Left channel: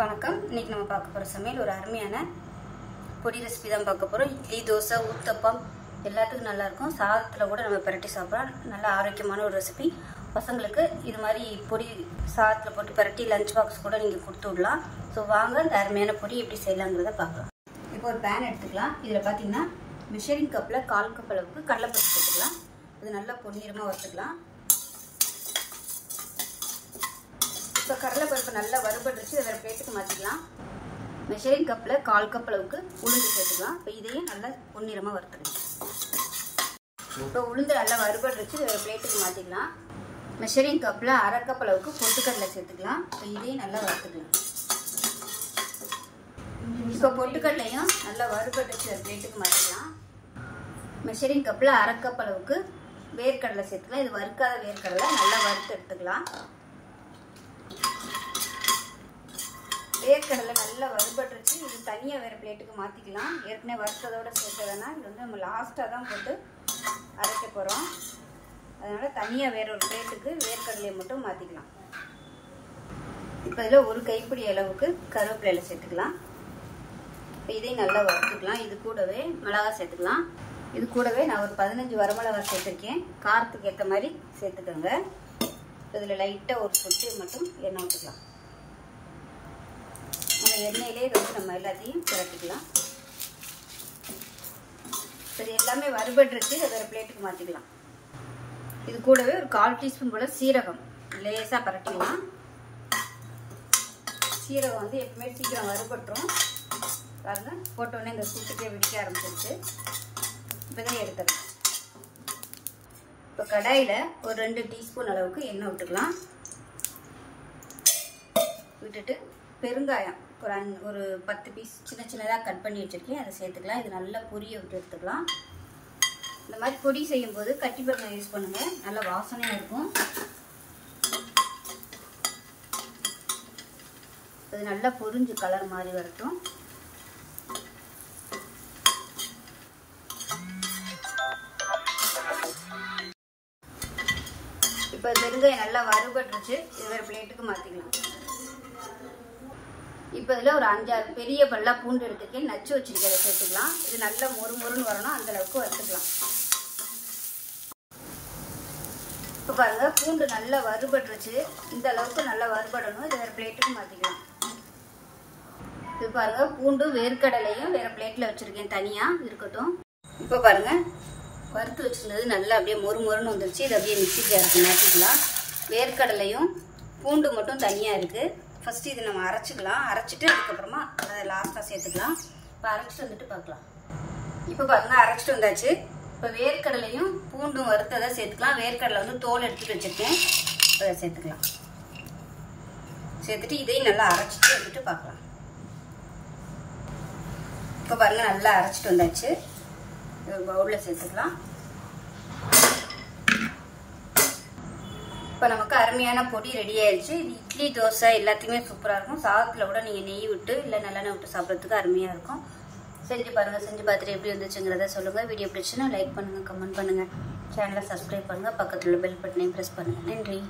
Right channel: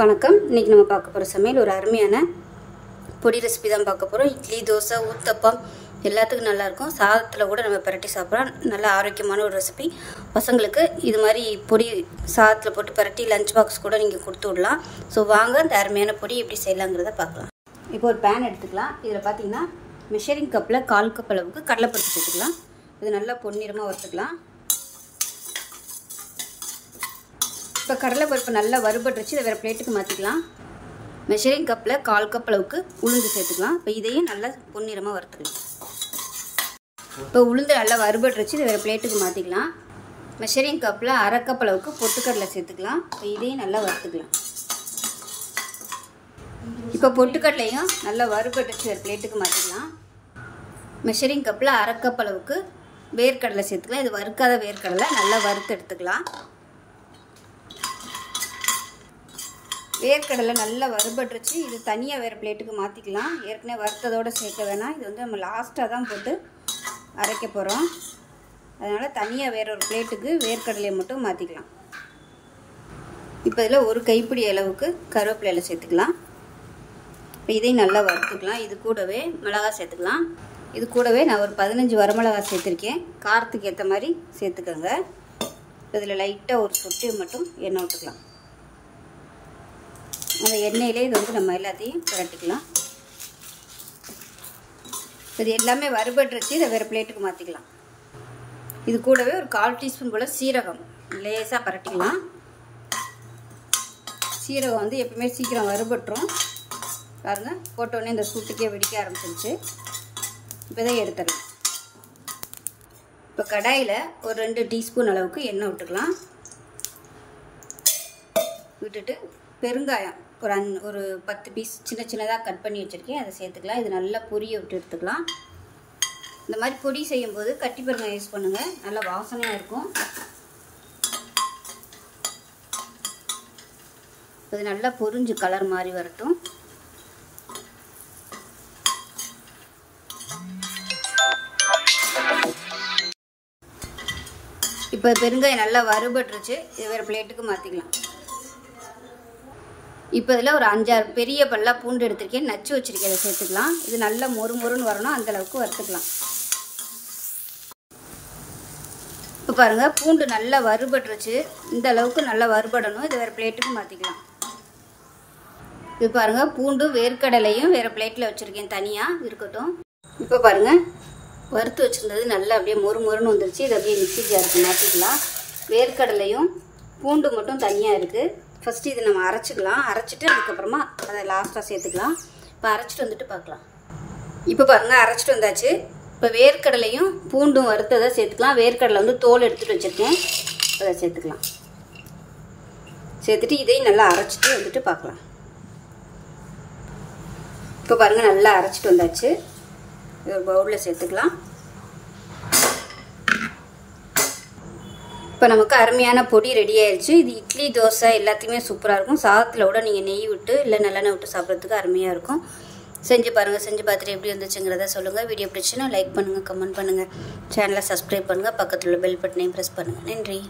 வணக்கம். இன்னைக்கு நம்ம பார்க்க போகிற சமையல் ஒரு அருமையான பொடி ரெசிபி தான் பார்க்க போகிறோம். இட்லி, தோசை, ஊத்தப்பம் எல்லாத்துக்கும் நல்லாயிருக்கும். சாதத்தில் கூட நம்ம பரட்டி சாப்பிட்றோம். நல்ல ஆரோக்கியமான ஒரு ரெசிபி. பசங்களுக்கு இது மாதிரி பொடி சாதத்தில் போட்டு பரட்டி லஞ்ச் பாக்ஸ் கூட நீங்கள் கொடுத்து விடலாம். ஸோ வாங்க இந்த அருமையான பொடி எப்படி செய்யலாங்கிறத பார்க்கலாம். இப்போ ஒரு பேன் எடுத்துக்கலாம். இதில் பார்த்தீங்கன்னா மெஷரிங் கப்பில் 1/4 கப் அளவுக்கு கடலைப்பருப்பு சேர்த்துக்கலாம். இது நல்லா பொன்னிறமாக வறுத்துக்கலாம். இப்போ கடலைப்பருப்பு நல்லா வறுபட்டு வச்சு இதை வேறு பிளேட்டுக்கு மாற்றிக்கலாம். மெஷரிங் கப்பில் 1/4 கப் அளவுக்கு உளுந்து சேர்த்துக்கலாம். இப்போ இதையும் நல்லா பொன்னிறமாக வறுத்துக்கலாம். இப்போ உளுந்து நல்லா வறுபட்டு வச்சு இதை வேறு பிளேட்டுக்கு மாற்றிக்கலாம். மெஷரிங் கப்பில் 1/2 கப் அளவுக்கு பொட்டுக்கடலை சேர்த்துக்கலாம். இப்போ இதையும் நல்லா வறுத்துக்கலாம். இப்போ பொட்டுக்கடலையும் நல்லா வறுபட்டு வச்சு வேறு பிளேட்டுக்கு மாற்றிக்கலாம். மெஷரிங் கப்பில் 1/2 கப் அளவுக்கு வேர்க்கடலை சேர்த்துக்கலாம். இது வறுக்காத வேர்க்கடலை நல்லா வறுத்து எடுத்துக்கலாம். வேர்க்கடலை நல்லா வறுபட்டுருச்சு. இது தனியாக வேறு பிளேட்டுக்கு மாற்றிக்கலாம். ஏற்கனவே வறுத்ததோடு சேர்க்க வேணாம். இது வந்து நம்ம லாஸ்ட்டாக தான் போட்டு அரைக்க போகிறோம். அதனால் தனியாக வேற ஒரு பிளேட்டுக்கு வேர்க்கடலையை மட்டும் மாற்றிக்கலாம். இப்போ இதில் ஒரு கைப்பிடி அளவுக்கு கருவேப்பிலையில் சேர்த்துக்கலாம். இப்போ இதையும் நல்லா வறுத்துக்கலாம். இது கூடவே மிளகாய் சேர்த்துக்கலாம். இது கூடவே நான் ஒரு 15 வரமிளகாய் சேர்த்துருக்கேன். காரத்துக்கு ஏற்ற மாதிரி சேர்த்துக்கோங்க. இதில் லைட்டாக ஒரு சொட்டு மட்டும் எண்ணெய் விட்டுக்கலாம். அந்த எண்ணெயிலே இது வந்து நம்ம எல்லாத்தையும் பரட்டிக்கலாம். இது எல்லாமே வறுபட்டுருச்சு. இதை வேறு பிளேட்டுக்கு மாற்றிக்கலாம். இது கூடவே ஒரு 1/4 டீஸ்பூன் போல் சீரகம் லேசாக பரட்டிக்கலாம். சீரகம் வந்து எப்பவுமே சீக்கிரம் வறுபட்டுரும். பாருங்க, போட்டோடனே இந்த சூட்டுக்கே வெடிக்க ஆரம்பிச்சிருச்சு. இப்போ இதை எடுத்துடலாம். இப்போ கடாயில் ஒரு 2 டீஸ்பூன் அளவுக்கு எண்ணெய் விட்டுக்கலாம். விட்டுட்டு பெருங்காயம் ஒரு 10 பீஸ் சின்ன சின்னதாக கட் பண்ணி வச்சுருக்கேன். அதை சேர்த்துக்கலாம். இது நல்லா பொரிய விட்டு எடுத்துக்கலாம். இந்த மாதிரி பொடி செய்யும்போது கட்டி பெருங்காயம் யூஸ் பண்ணுங்கள். நல்லா வாசனையாக இருக்கும். அது நல்லா பொரிஞ்சு கலர் மாதிரி வரட்டும். இப்போ பெருங்காயம் நல்லா வறுபட்டுருச்சு. இது வேறு பிளேட்டுக்கு மாற்றிக்கலாம். இப்போ இதில் ஒரு 5-6 பெரிய பல்லா பூண்டு எடுத்துருக்கேன். நச்சு வச்சுருக்கேன். அதை சேர்த்துக்கலாம். இது நல்லா மொறுன்னு வரணும். அந்தளவுக்கு வறுத்துக்கலாம். இப்போ பாருங்கள், பூண்டு நல்லா வறுபட்டுருச்சு. இந்த அளவுக்கு நல்லா வறுபடணும். இது வேறு பிளேட்டுக்கு மாற்றிக்கலாம். இப்போ பாருங்கள், பூண்டு வேர்க்கடலையும் வேறு பிளேட்டில் வச்சுருக்கேன். தனியாக இருக்கட்டும். இப்போ பாருங்கள், வறுத்து வச்சுருந்தது நல்லா அப்படியே மொறுன்னு வந்துருச்சு. இது அப்படியே மிக்ஸி ஜாருக்கு மாற்றிக்கலாம். வேர்க்கடலையும் பூண்டு மட்டும் தனியாக இருக்குது. ஃபஸ்ட்டு இது நம்ம அரைச்சிக்கலாம். அரைச்சிட்டு அதுக்கப்புறமா அதை லாஸ்ட்டாக சேர்த்துக்கலாம். இப்போ அரைச்சிட்டு வந்துட்டு பார்க்கலாம். இப்போ பாருங்கள், அரைச்சிட்டு வந்தாச்சு. இப்போ வேர்க்கடலையும் பூண்டும் வறுத்ததை சேர்த்துக்கலாம். வேர்க்கடலை வந்து தோல் எடுத்துகிட்டு வச்சுருக்கேன். அதை சேர்த்துக்கலாம். சேர்த்துட்டு இதையும் நல்லா அரைச்சிட்டு வந்துட்டு பார்க்கலாம். இப்போ பாருங்கள், நல்லா அரைச்சிட்டு வந்தாச்சு. ஒரு பவுலில் சேர்த்துக்கலாம். இப்போ நமக்கு அருமையான பொடி ரெடி ஆயிடுச்சு. இது இட்லி, தோசை எல்லாத்தையுமே சூப்பராக இருக்கும். சாதத்தில் கூட நீங்கள் நெய் விட்டு இல்லை நல்லெண்ணெய் விட்டு சாப்பிட்றதுக்கு அருமையாக இருக்கும். செஞ்சு பாருங்கள். செஞ்சு பார்த்துட்டு எப்படி வந்துச்சுங்கிறத சொல்லுங்கள். வீடியோ பிடிச்சுன்னா லைக் பண்ணுங்கள், கமெண்ட் பண்ணுங்கள், சேனலை சப்ஸ்கிரைப் பண்ணுங்கள், பக்கத்தில் உள்ள பெல் பட்டனையும் ப்ரெஸ் பண்ணுங்கள். நன்றி.